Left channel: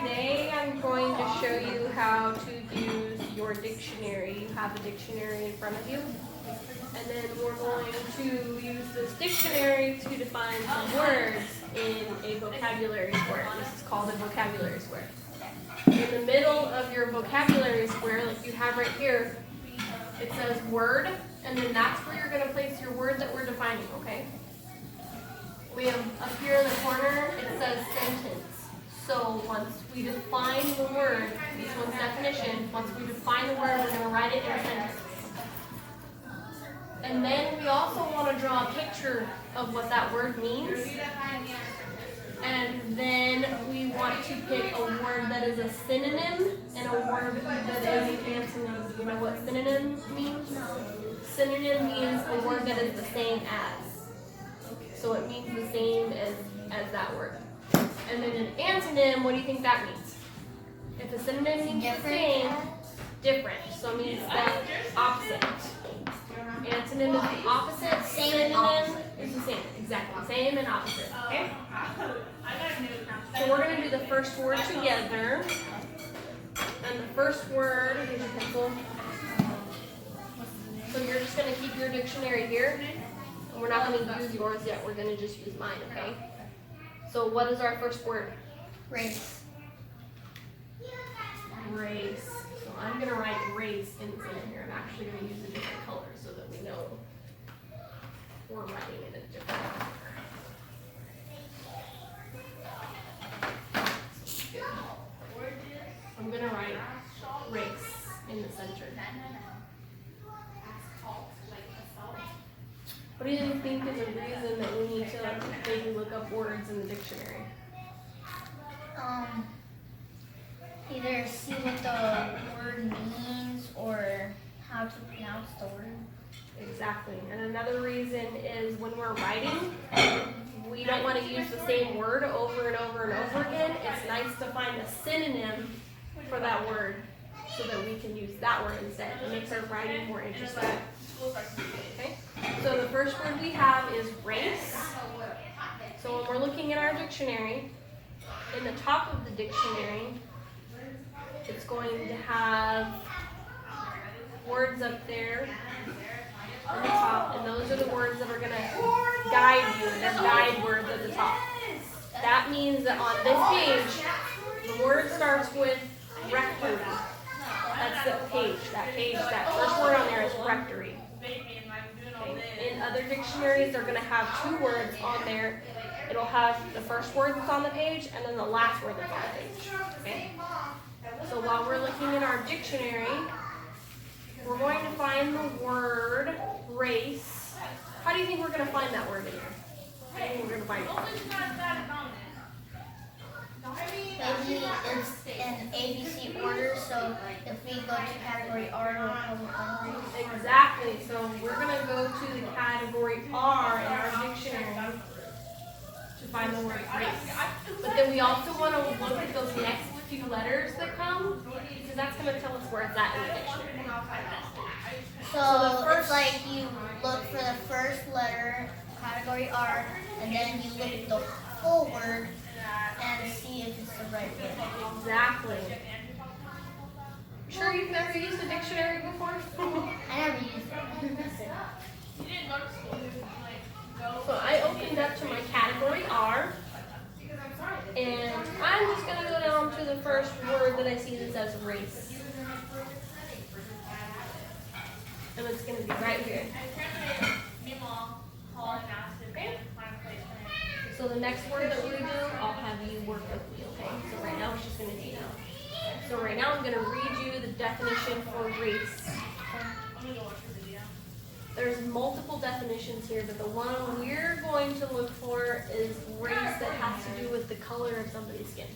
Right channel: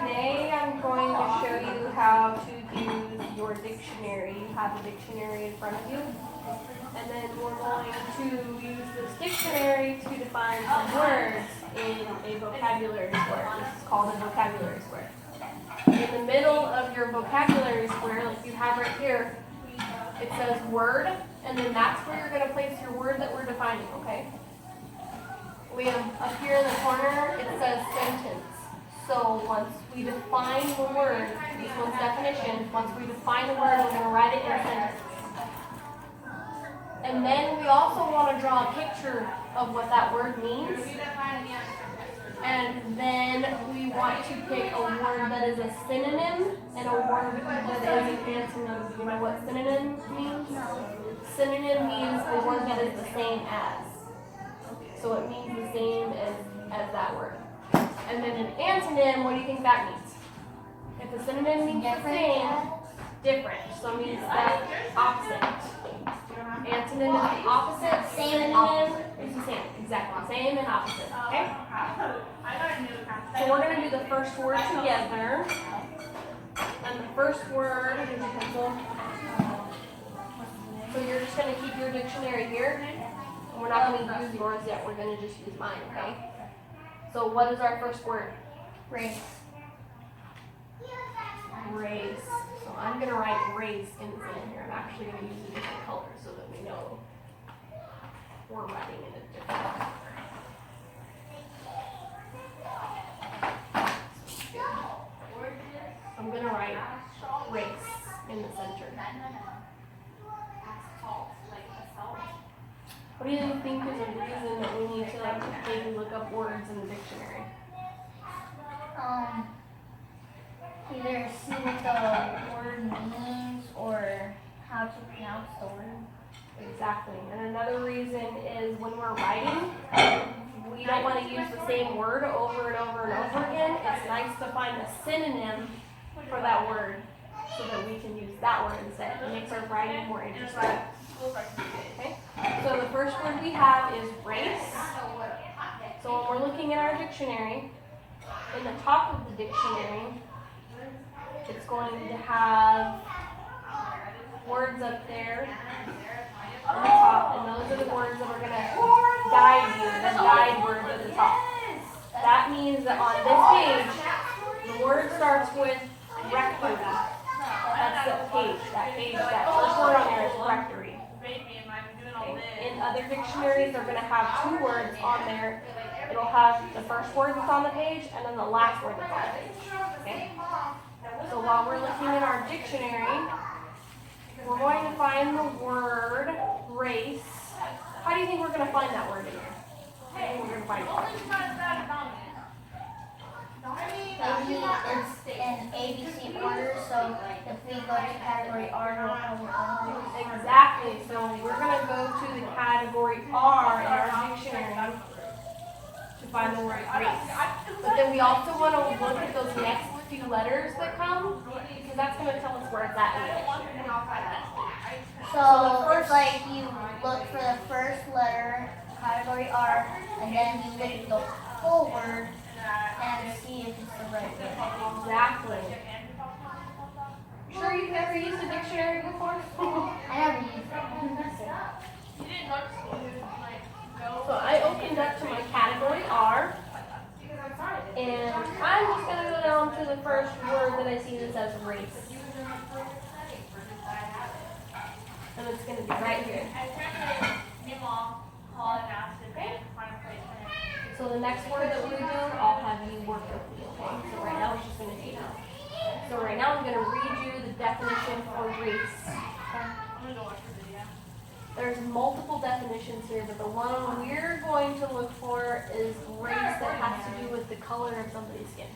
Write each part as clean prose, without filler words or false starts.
today I'm going to show you how to use your dictionary. You have a dictionary in front of you. And then we're going to use this dictionary to define some words in a vocabulary square. This is called a vocabulary square. In the middle of your vocabulary square, like you have right here, it says word, and then that's where you're going to place your word that we're defining, okay? We have up here in the corner, it says sentence. So once we define the word, this one's definition, once we define the word, we're going to write it in a sentence. And then we also want to draw a picture of what that word means. And then we want to pick a word that is a synonym and a word that is an antonym. You know what synonym means? Synonym means a word that is the same as. So it means the same as that word. And then an antonym, what do you think that means? If a synonym means the same, different. So it means the opposite. Antonym is the opposite. Synonym is the same. Exactly. Same and opposite. Okay? So we're going to do the first word together. And the first word, here's your pencil. So you're just going to keep your dictionary here. And we're not going to use yours yet. We're going to just use mine, okay? So what is our first word? Race. Race. So I'm going to write race in the center here. I'm actually going to use a different color so that we know we're writing in a different color. I'm going to write race in the center. What do you think is a reason that we need to maybe look up words in the dictionary? Either see what the word means or how to pronounce the word. Exactly. And another reason is when we're writing, we don't want to use the same word over and over and over again. It's nice to find a synonym for that word so that we can use that word instead. It makes our writing more interesting. Okay? So the first word we have is race. So when we're looking at our dictionary, in the top of the dictionary, it's going to have words up there on the top, and those are the words that are going to guide you. They're guide words at the top. That means that on this page, the word starts with rectory. That's the page. That first word on there is rectory. Okay. In other dictionaries, they're going to have two words on there. It'll have the first word that's on the page and then the last word that's on the page. Okay? So while we're looking at our dictionary, we're going to find the word race. How do you think we're going to find that word in here? How do you think we're going to find it? Maybe it's in ABC order, so if we go to category R, we'll probably find it. Exactly. So we're going to go to the category R in our dictionary to find the word race. But then we also want to look at those next few letters that come, because that's going to tell us where it's at in the dictionary. So it's like you look for the first letter, category R, and then you look at the whole word and see if it's the right word. Exactly. Sure you've never used a dictionary before? I never used it. So I opened up to my category R, and I'm just going to go down to the first word that I see that says race. And it's going to be right here. Okay? So the next word that we do, I'll have you work with me, okay? So right now it's just going to be now. So right now I'm going to read you the definition for race. There's multiple definitions here, but the one we're going to look for is race that has to do with the color of somebody's skin.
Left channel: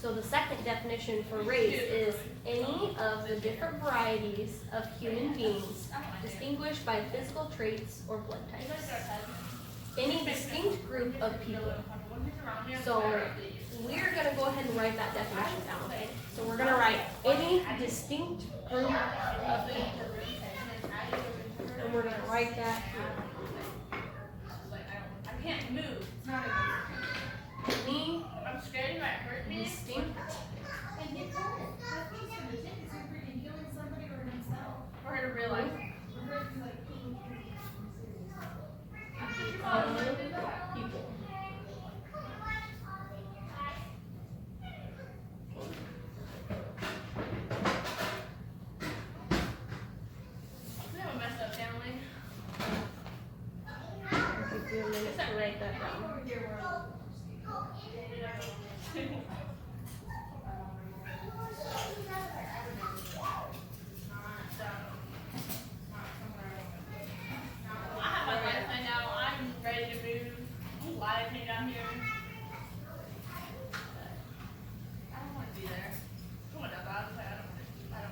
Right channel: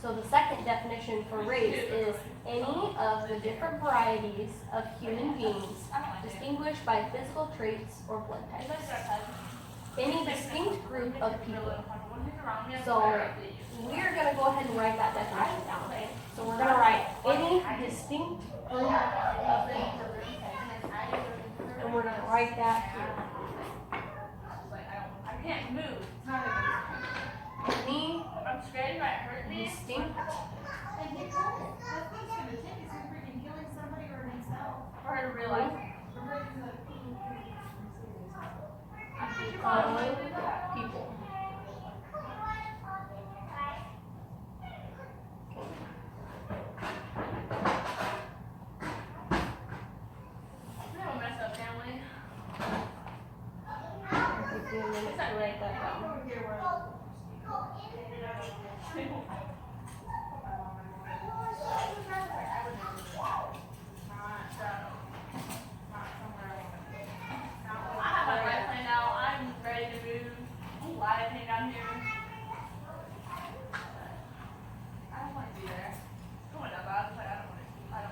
So the second definition for race is any of the different varieties of human beings distinguished by physical traits or blood types. Any distinct group of people. So we're going to go ahead and write that definition down, okay? So we're going to write any distinct group of people. And we're going to write that here. I can't move. I'm scared it might hurt me. Distinct. And he told it. That's what he's gonna take. He's gonna freaking killing somebody or himself. For her to realize. People. We have a messed up family. Give you a minute to write that down. I have my life planned out. I'm ready to move. I'm glad I came down here. But I don't want to be there. I went down bad. I don't want to.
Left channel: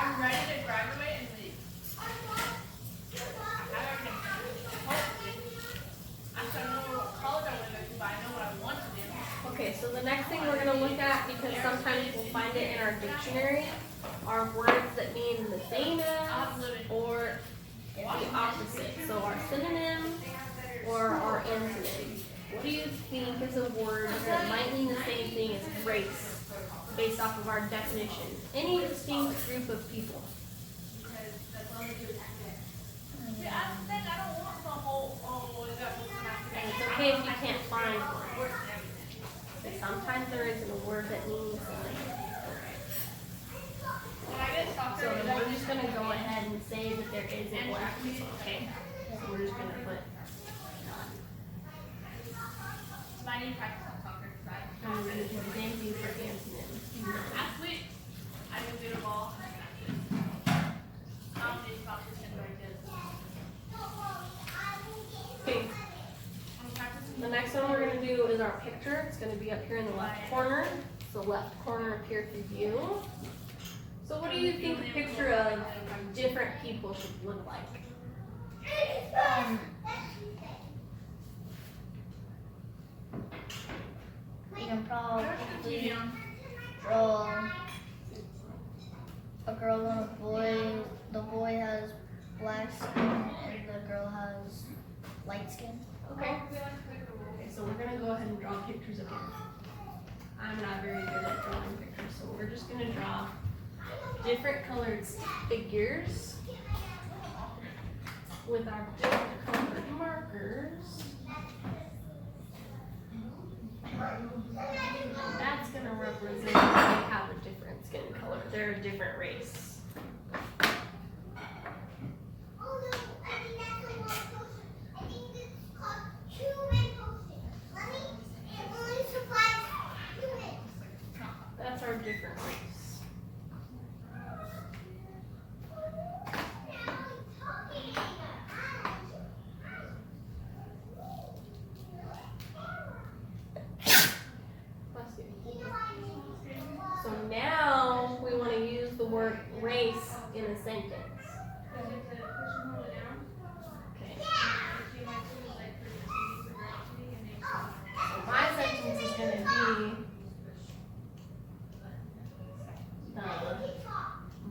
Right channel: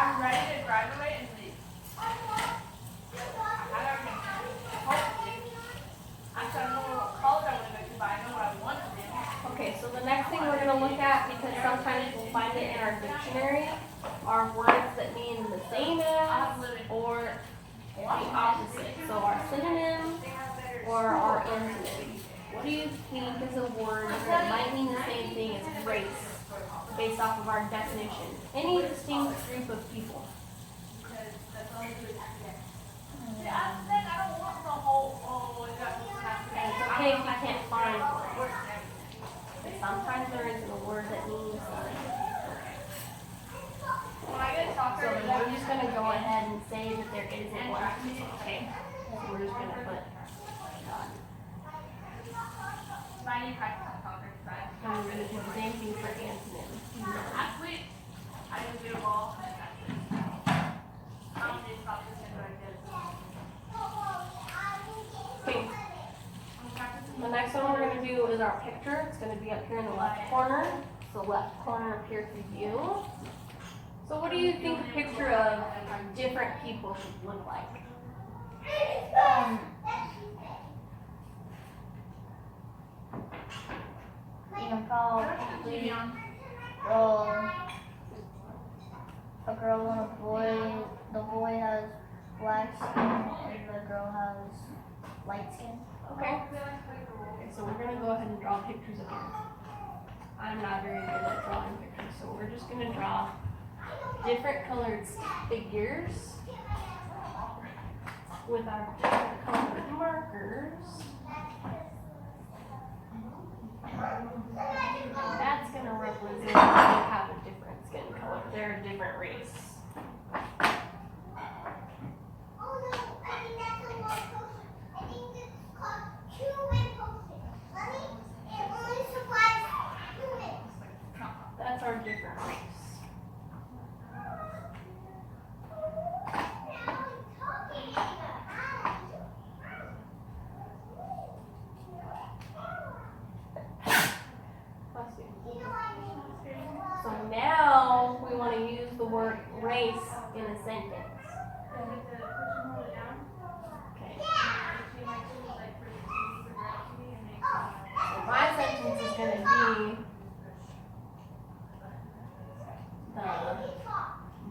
I'm ready to graduate and leave. I can hopefully. I don't know what college I want to go to, but I know what I want to do. Okay, so the next thing we're gonna look at, because sometimes we'll find it in our dictionary, are words that mean the same as or the opposite. So our synonyms or our antonyms. What do you think is a word that might mean the same thing as race, based off of our definition? Any distinct group of people. Yeah, I think I don't want the whole, is that what's And it's okay if you can't find one. But sometimes there isn't a word that means something. when I get So soccer, then we're just gonna go ahead and say that there isn't one. Okay. So we're just gonna put. I need to practice on soccer because And we're gonna do the same thing for antonyms. athlete, I can do ball. I don't need about this in my kids. Okay. I'm practicing. The next one we're gonna do is our picture. It's gonna be up here in the left corner. It's the left corner up here for you. So what do you think a picture of different people should look like? You can probably, well, a girl and a boy. The boy has black skin and the girl has light skin. Okay. Okay, so we're gonna go ahead and draw pictures of here. I'm not very good at drawing pictures, so we're just gonna draw different colored figures with our different colored markers. That's gonna represent they have a different skin color. They're a different race. That's our different race. Bless you. So now we want to use the word race in a sentence. Okay. So my sentence is going to be the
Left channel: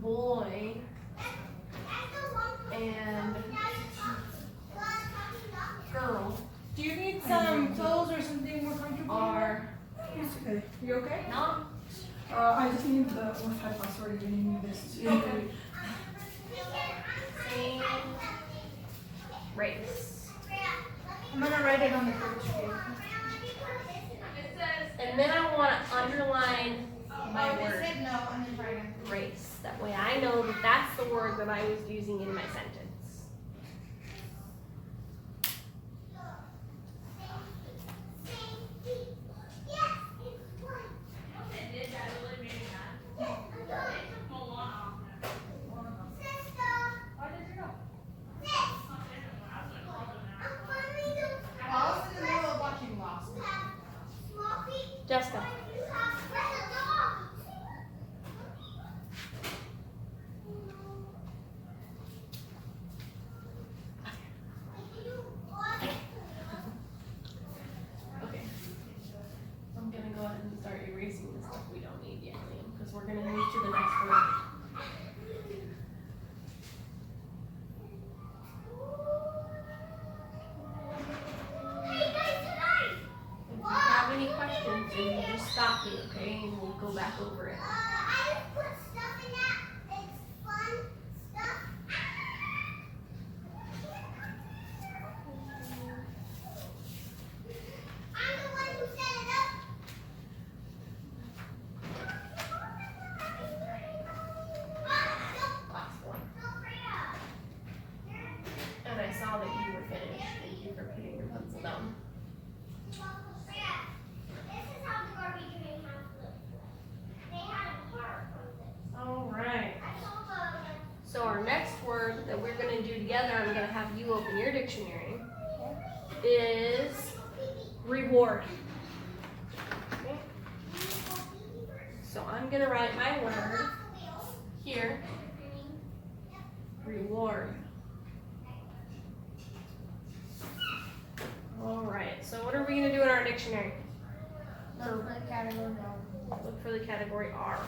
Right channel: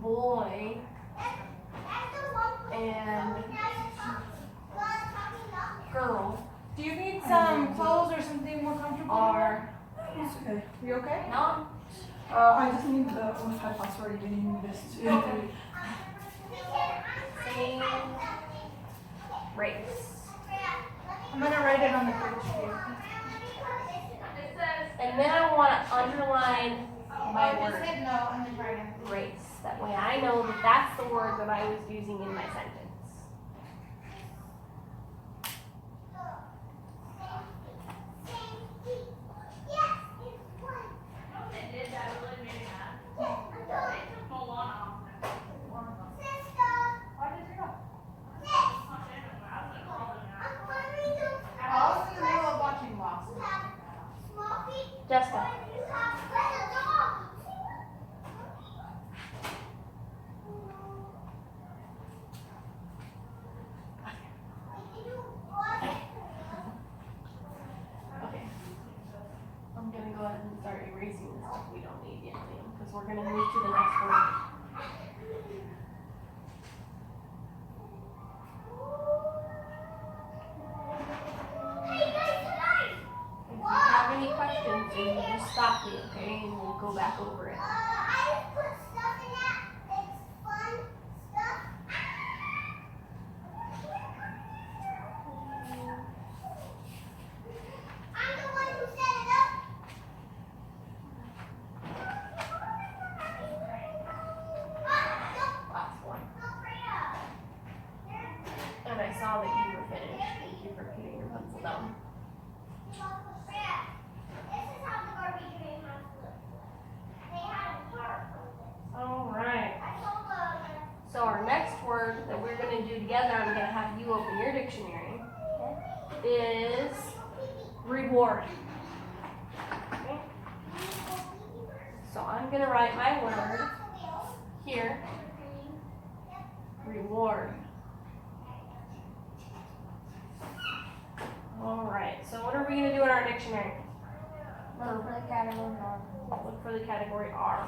boy and girl Do you need some clothes or something more comfortable? are It's okay. You okay? not I just need the Wi-Fi password getting this. same race. I'm gonna write it on the picture. And then I want to underline my Just word hit no and then try again. race. That way I know that that's the word that I was using in my sentence. I was in the middle of watching Lost. Jessica. Okay. I'm gonna go ahead and start erasing the stuff we don't need yet, Liam, because we're gonna move to the next word. you just stop me, okay? And we'll go back over it. I just put stuff in that. It's fun stuff. I'm the one who set it up. Last one. And I saw that you were finished. Thank you for putting your pencil down. Alright. So our next word that we're gonna do together, I'm gonna have you open your dictionary, is reward. Okay? So I'm gonna write my word here. Reward. Alright, so what are we gonna do in our dictionary? Look for the category R. Look for the category R.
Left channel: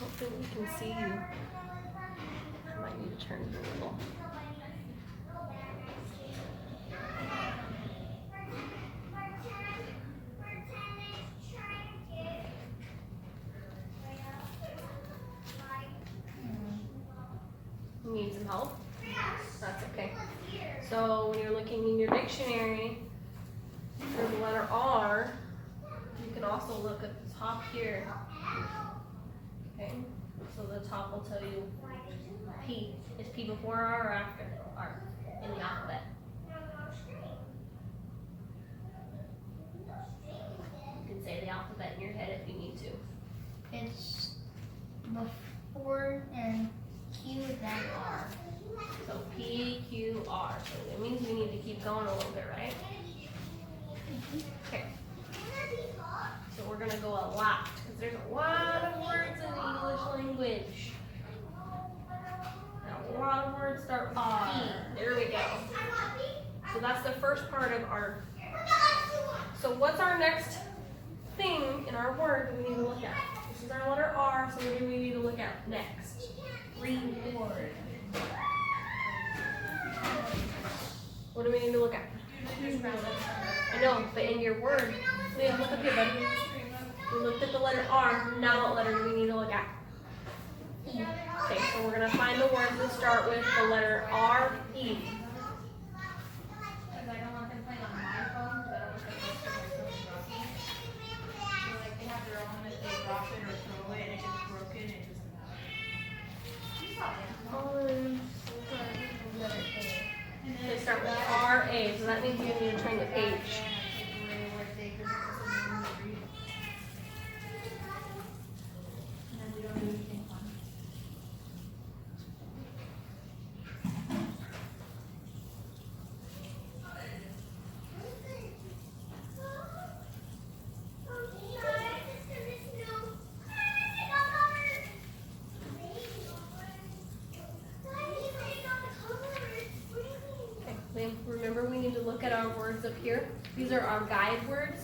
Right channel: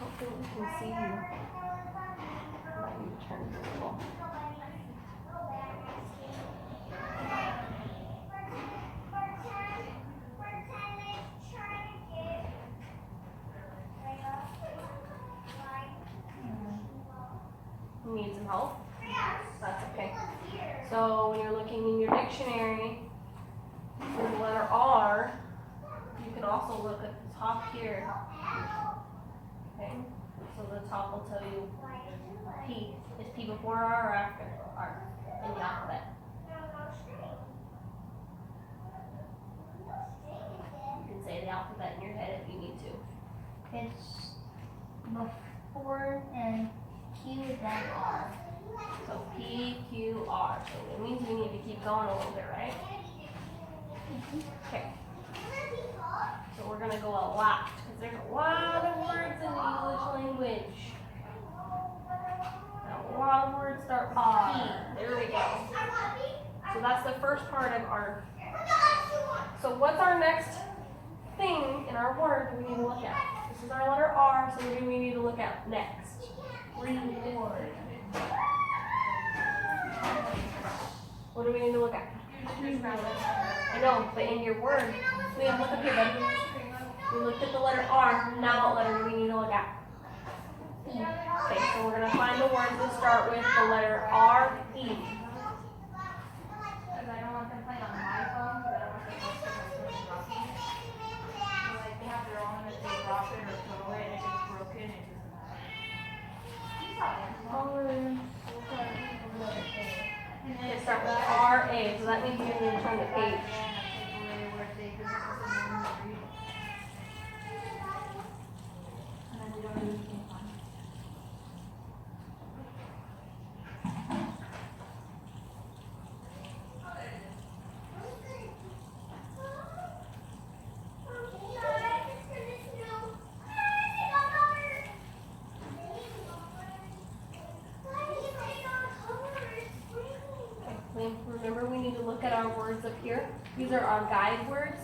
Hopefully we can see you. I might need to turn it a little. You need some help? That's okay. So when you're looking in your dictionary for the letter R, you can also look at the top here. Okay, so the top will tell you P. Is P before R or after R in the alphabet? You can say the alphabet in your head if you need to. It's before and Q then R. So P, Q, R. So it means we need to keep going a little bit, right? Okay. So we're gonna go a lot because there's a lot of words in the English language. Now, a lot of words start with P. There we go. So that's the first part of our. So what's our next thing in our word we need to look at? This is our letter R. So what do we need to look at next? Reward. What do we need to look at? I know, but in your word, Liam, look up here, buddy. We looked at the letter R. Now what letter do we need to look at? E. Okay, so we're gonna find the words that start with the letter R, E. Because I don't want them playing on my phone, because I don't want them playing on my phone. So like they have their own, if they drop it or throw it and it gets broken, it They start with R, A, so that means you need to turn the page. Remember, we need to look at our words up here. These are our guide words.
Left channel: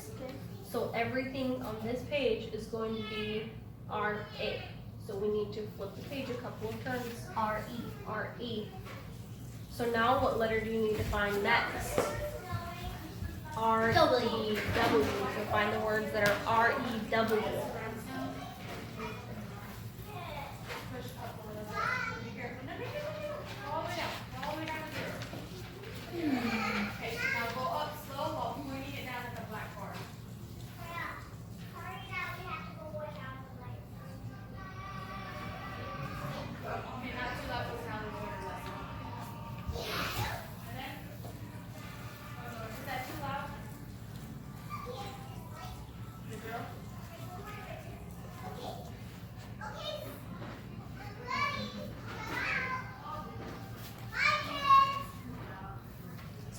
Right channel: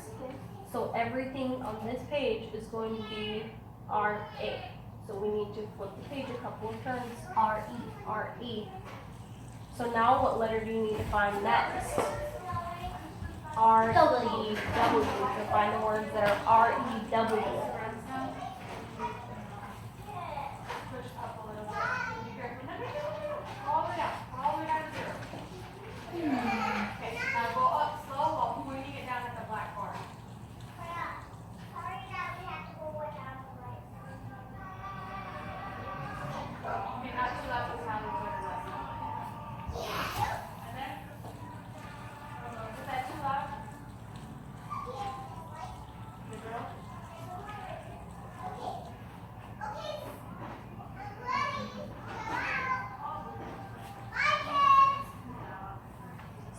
So everything on this page is going to be R-A. So we need to flip the page a couple of times. R-E, R-E. So now what letter do you need to find next? R-E-W. So find the words that are R-E-W. Okay, now go up slow while pointing it down at the black bar. Okay, not too loud, just sound like and then, is that too loud? Good girl?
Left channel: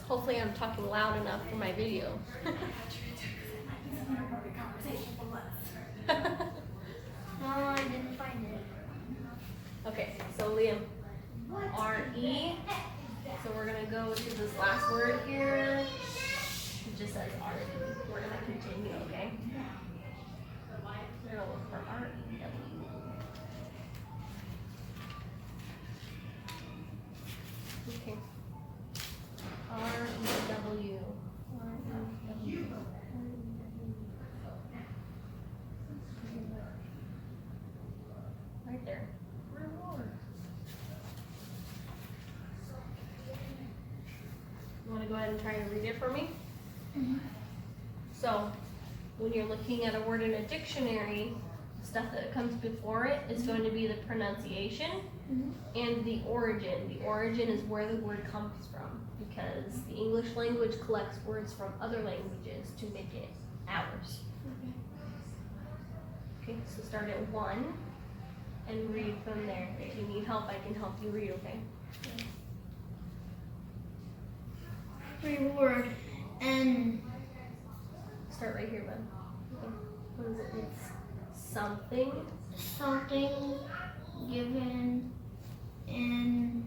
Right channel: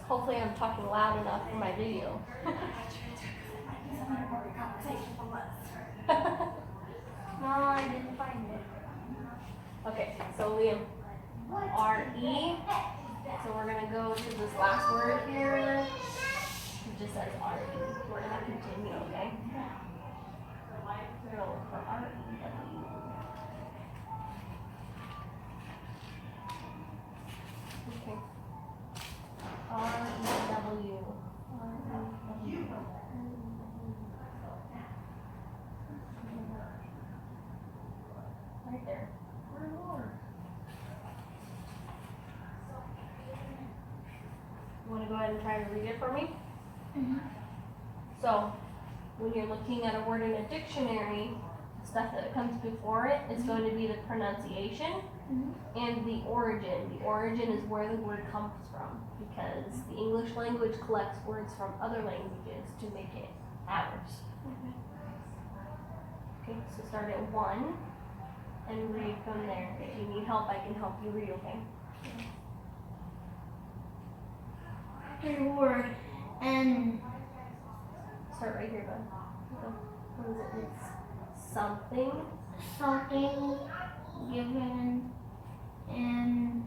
Hopefully I'm talking loud enough for my video. No, I didn't find it. Okay, so Liam, R-E. So we're gonna go to this last word here. It just says R-E. We're gonna continue, okay? We're gonna look for R-E-W. and try and read it for me? Mhm. So, when you're looking at a word in a dictionary, stuff that comes before it is going to be the pronunciation Mhm. and the origin. The origin is where the word comes from, because the English language collects words from other languages to make it ours. Okay, so start at 1 and read from there. If you need help, I can help you read, okay? Reward and Start right here, bud. What is it? It's something something given in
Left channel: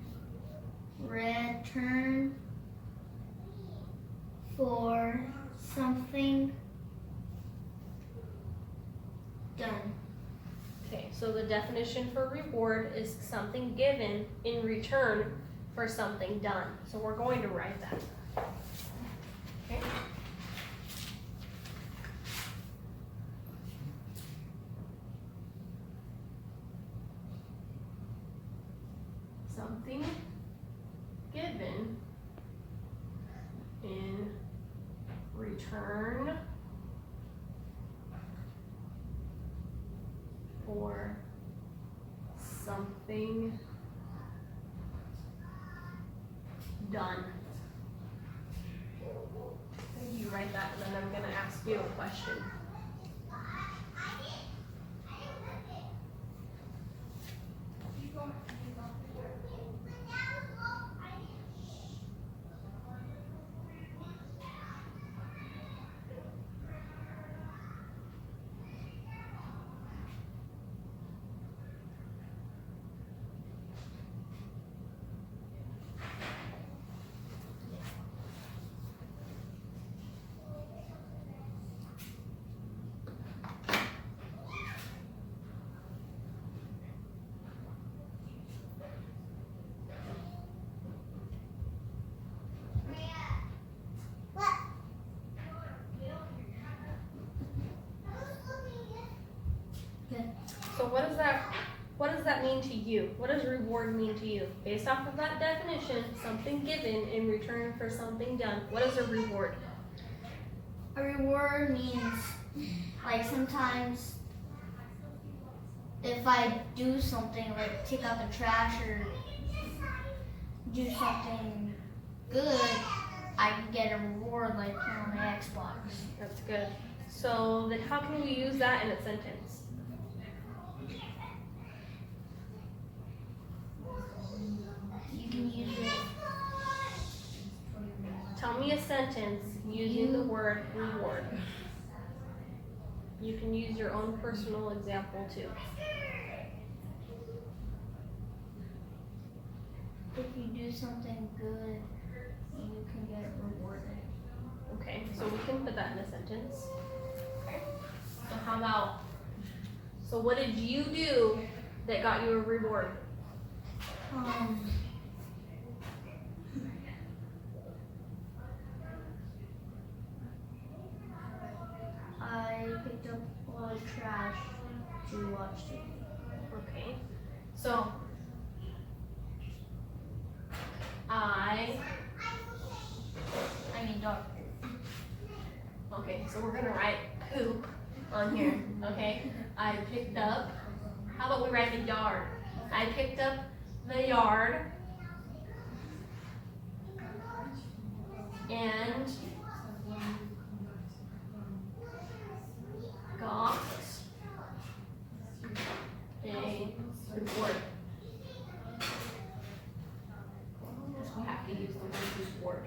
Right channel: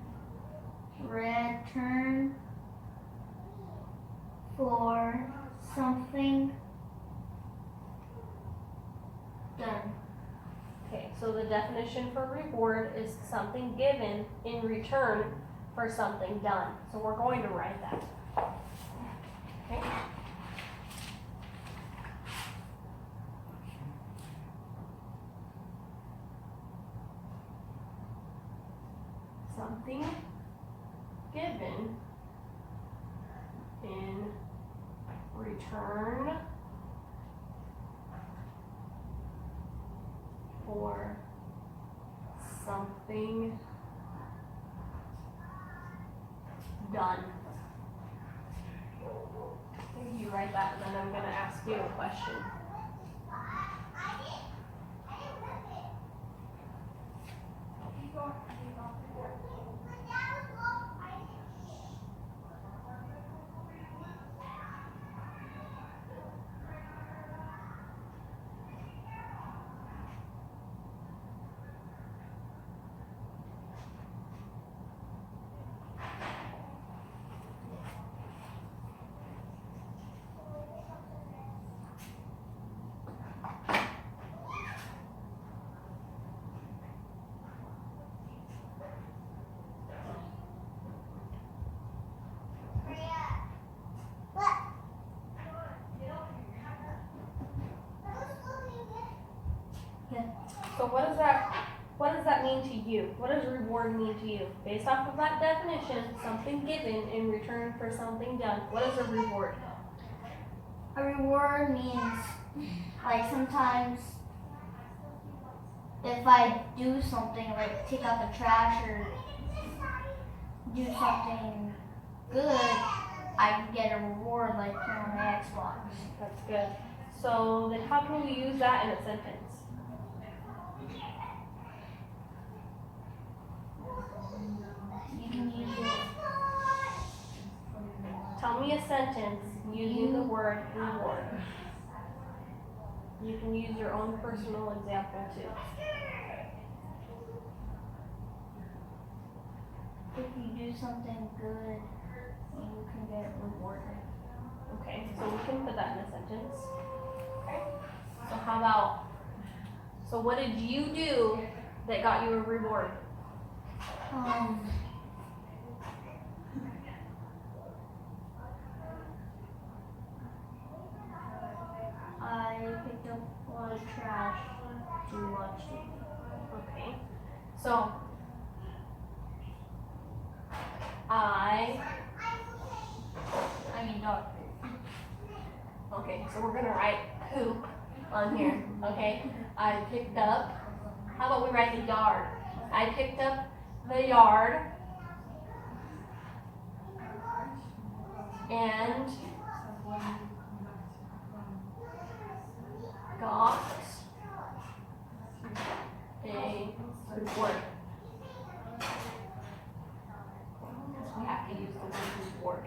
return for something done. Okay, so the definition for reward is something given in return for something done. So we're going to write that. Okay. Something given in return for something done. You write that, and then I'm gonna ask you a question. So what does that mean to you? What does reward mean to you? Based off of that definition, something given in return for something done. What is a reward? A reward means, like, sometimes if I do something, like take out the trash or do something good, I can get a reward, like, on my Xbox. That's good. So then how can we use that in a sentence? You can use it. Tell me a sentence using the word reward. You can use your own personal example too. If you do something good, you can get rewarded. Okay, so we can put that in a sentence. Okay. So how about, so what did you do that got you a reward? I picked up a lot of trash to watch TV. Okay. So I mean dog. okay, so we're gonna write poop on here, okay? I picked up, how about we write the yard? I picked up the yard and got a reward. We have to use the word reward.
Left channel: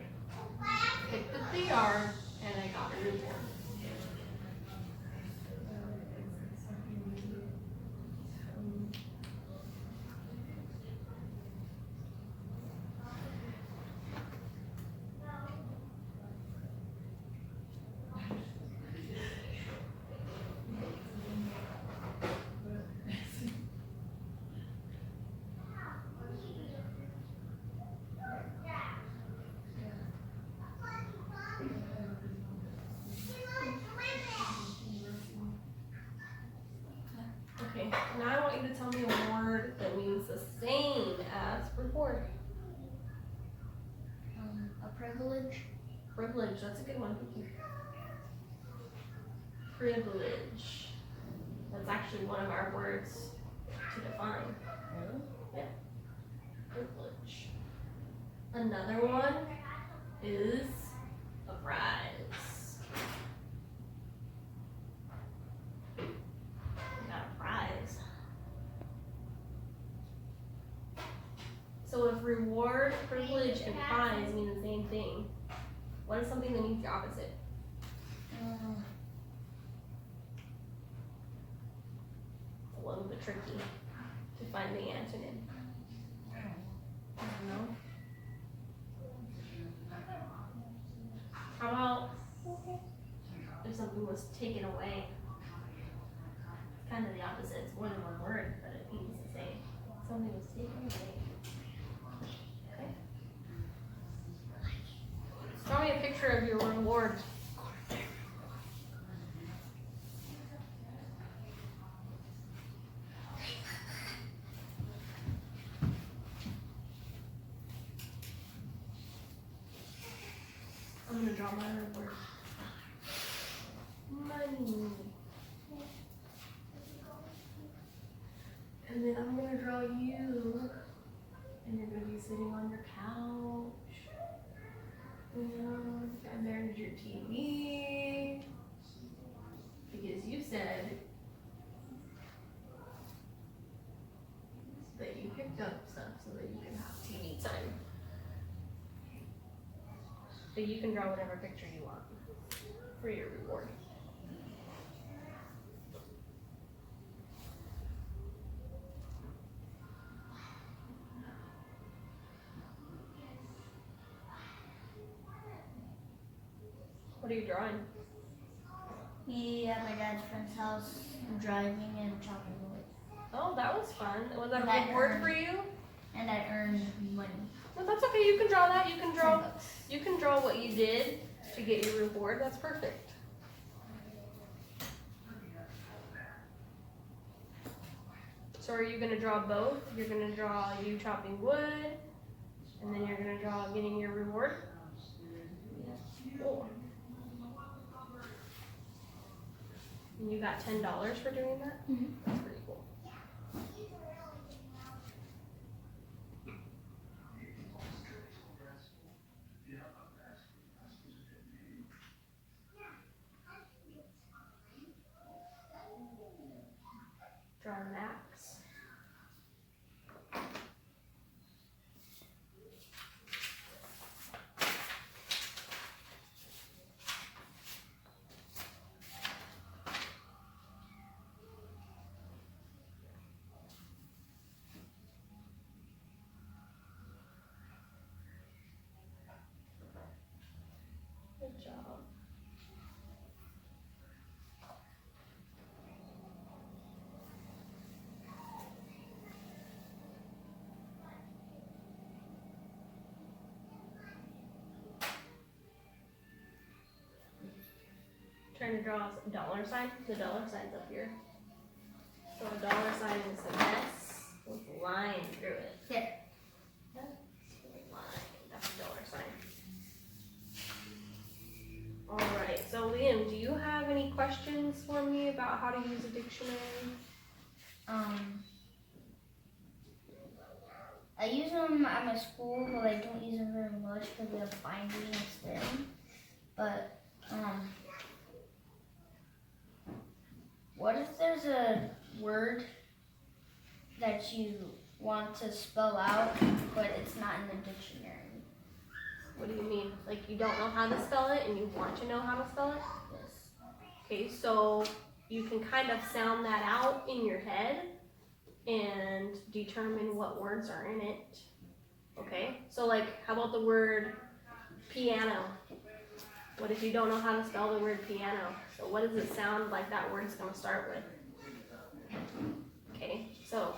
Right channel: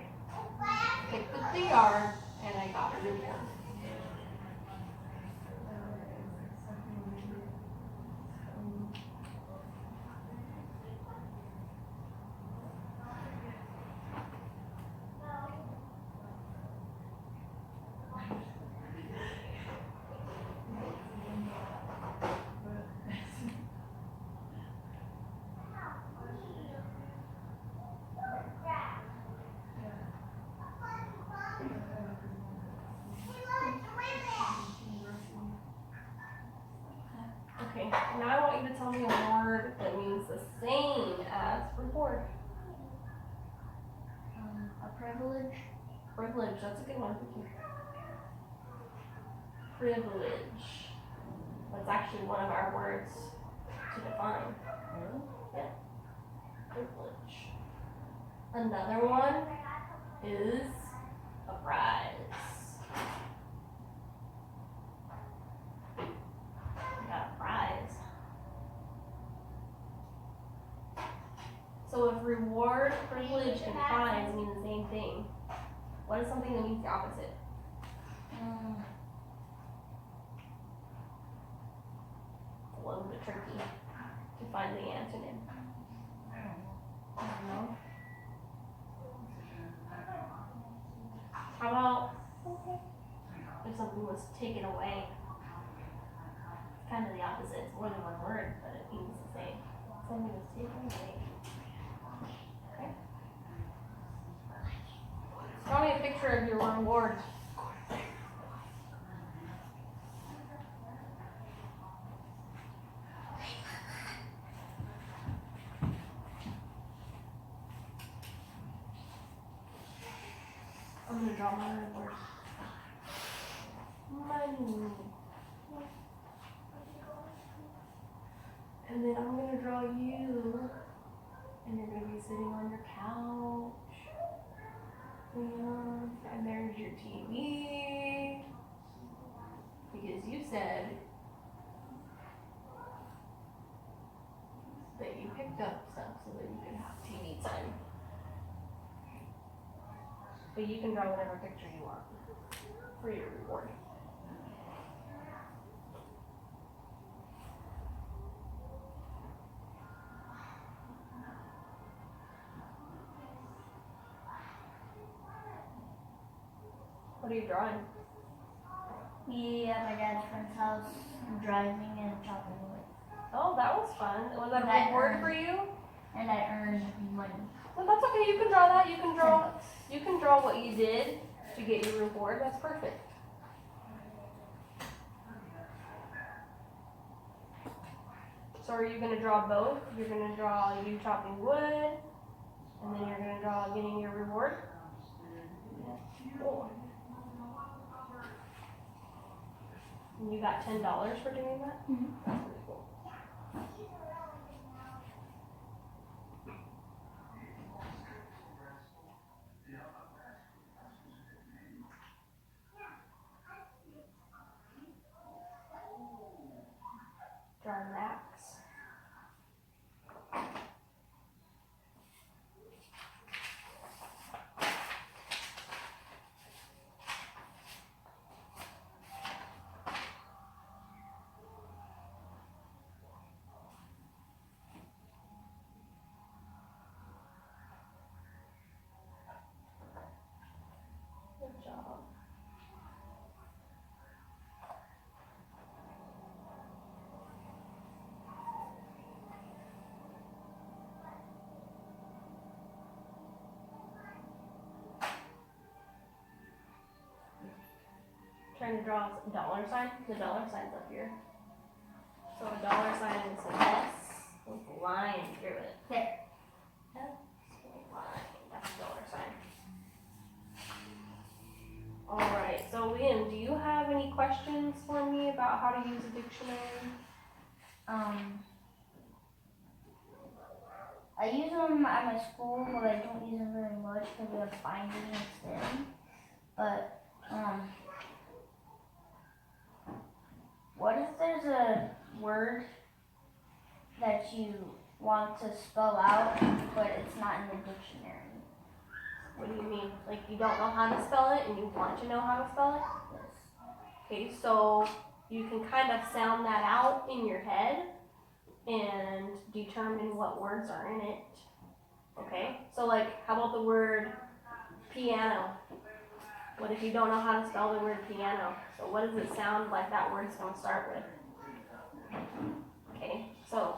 Picked up the yard and I got a reward. Okay, now I want you to tell me a word that means the same as reward. A privilege. Privilege, that's a good one. Privilege. That's actually one of our words to define. Really? Yeah. Privilege. Another one is a prize. We got a prize. So if reward, privilege, and prize mean the same thing, what is something that means the opposite? It's a little bit tricky to find the antonym. I don't know. How about if something was taken away? It's kind of the opposite. It's more than one word, but it means the same. Something was taken away. Okay. Draw me a picture of your reward. I'm gonna draw my reward. Money. And then I'm gonna draw you. And you're gonna be sitting on your couch. And there's your TV. Because you said that you picked up stuff so that you can have TV time. But you can draw whatever picture you want for your reward. What are you drawing? Me at my dad's friend's house, driving and chopping wood. Oh, that was fun. Was that a That reward earned- for you? And I earned money. Well, that's okay. You can draw that. You can draw. $10. You can draw what you did to get your reward. That's perfect. So are you gonna draw both? You're gonna draw you chopping wood, and then you're gonna draw getting your reward. Cool. And you got $10 for doing that? Mhm. That's pretty cool. Draw Max. Good job. Trying to draw a dollar sign. The dollar sign's up here. So a dollar sign is an S with a line through it. Here. S with a line. That's a dollar sign. Alright, so Liam, do you have any questions for me about how to use a dictionary? I use them at my school, but I don't use them very much because we have binding instead. But, what if there's a word that you want to spell out, but it's not in the dictionary? What do you mean? Like you don't know how to spell it and you want to know how to spell it? Yes. Okay, so you can kind of sound that out in your head and determine what words are in it. Okay, so like, how about the word piano? What if you don't know how to spell the word piano? So what does it sound like that word's gonna start with? Okay, so